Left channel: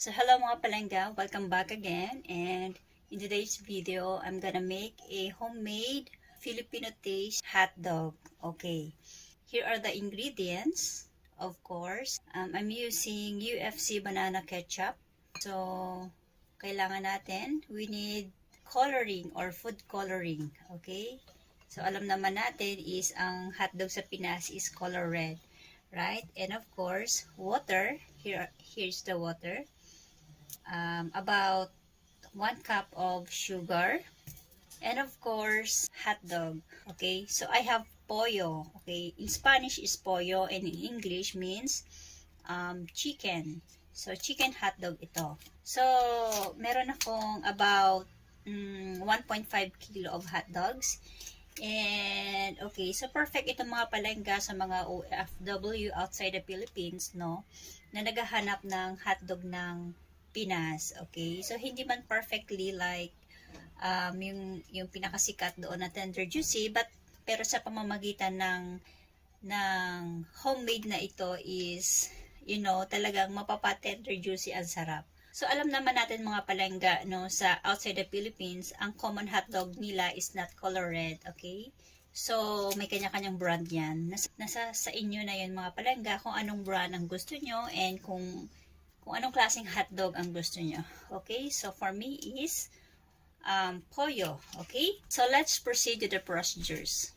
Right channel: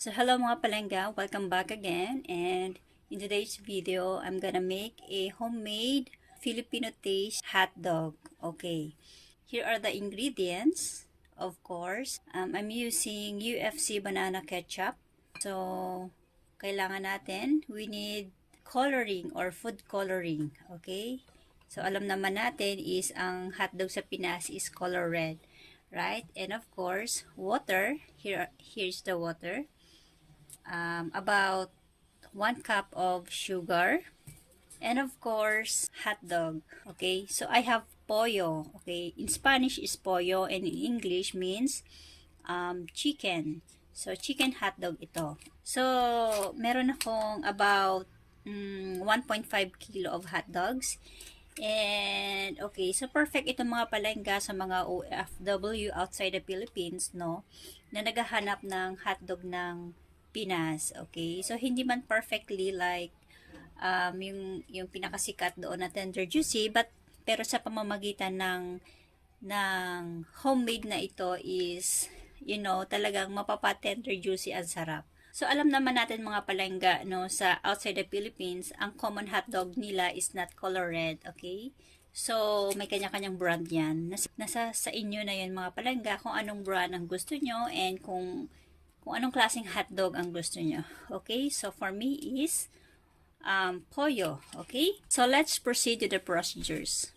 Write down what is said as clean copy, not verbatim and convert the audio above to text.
So hello mga palengga, welcome back again, and in today's video, I'm gonna make a homemade Filipino taste hot dog. Okay, here are the ingredients. Of course, I'm using UFC banana ketchup. So, kailangan natin, we need coloring or food coloring. Okay, so alam naman natin is ang hotdog sa Pinas is color red, right? And of course, water. Here's the water. About 1 cup of sugar, and of course hot dog. Okay, so I have pollo. Okay, in Spanish is pollo and in English means chicken. So chicken hot dog ito. So meron akong about 1.5 kilo of hot dogs. And okay, so perfect ito mga palengga sa mga OFW outside the Philippines, no, na naghahanap ng hotdog ng Pinas. Okay, so hindi man perfectly like yung pinakasikat doon na tender juicy, but pero sa pamamagitan ng homemade na ito is, you know, talagang mapapa-tender juicy ang sarap. So alam naman natin mga palengga, no, sa outside the Philippines, ang common hotdog nila is not color red, okay? So may kanya-kanyang brand yan. Nasa sa inyo na yun mga palengga kung anong brand ang gusto nyo and kung anong klaseng hotdog ang gusto nyo. Okay, so for me is pollo. Okay, so let's proceed to the procedures.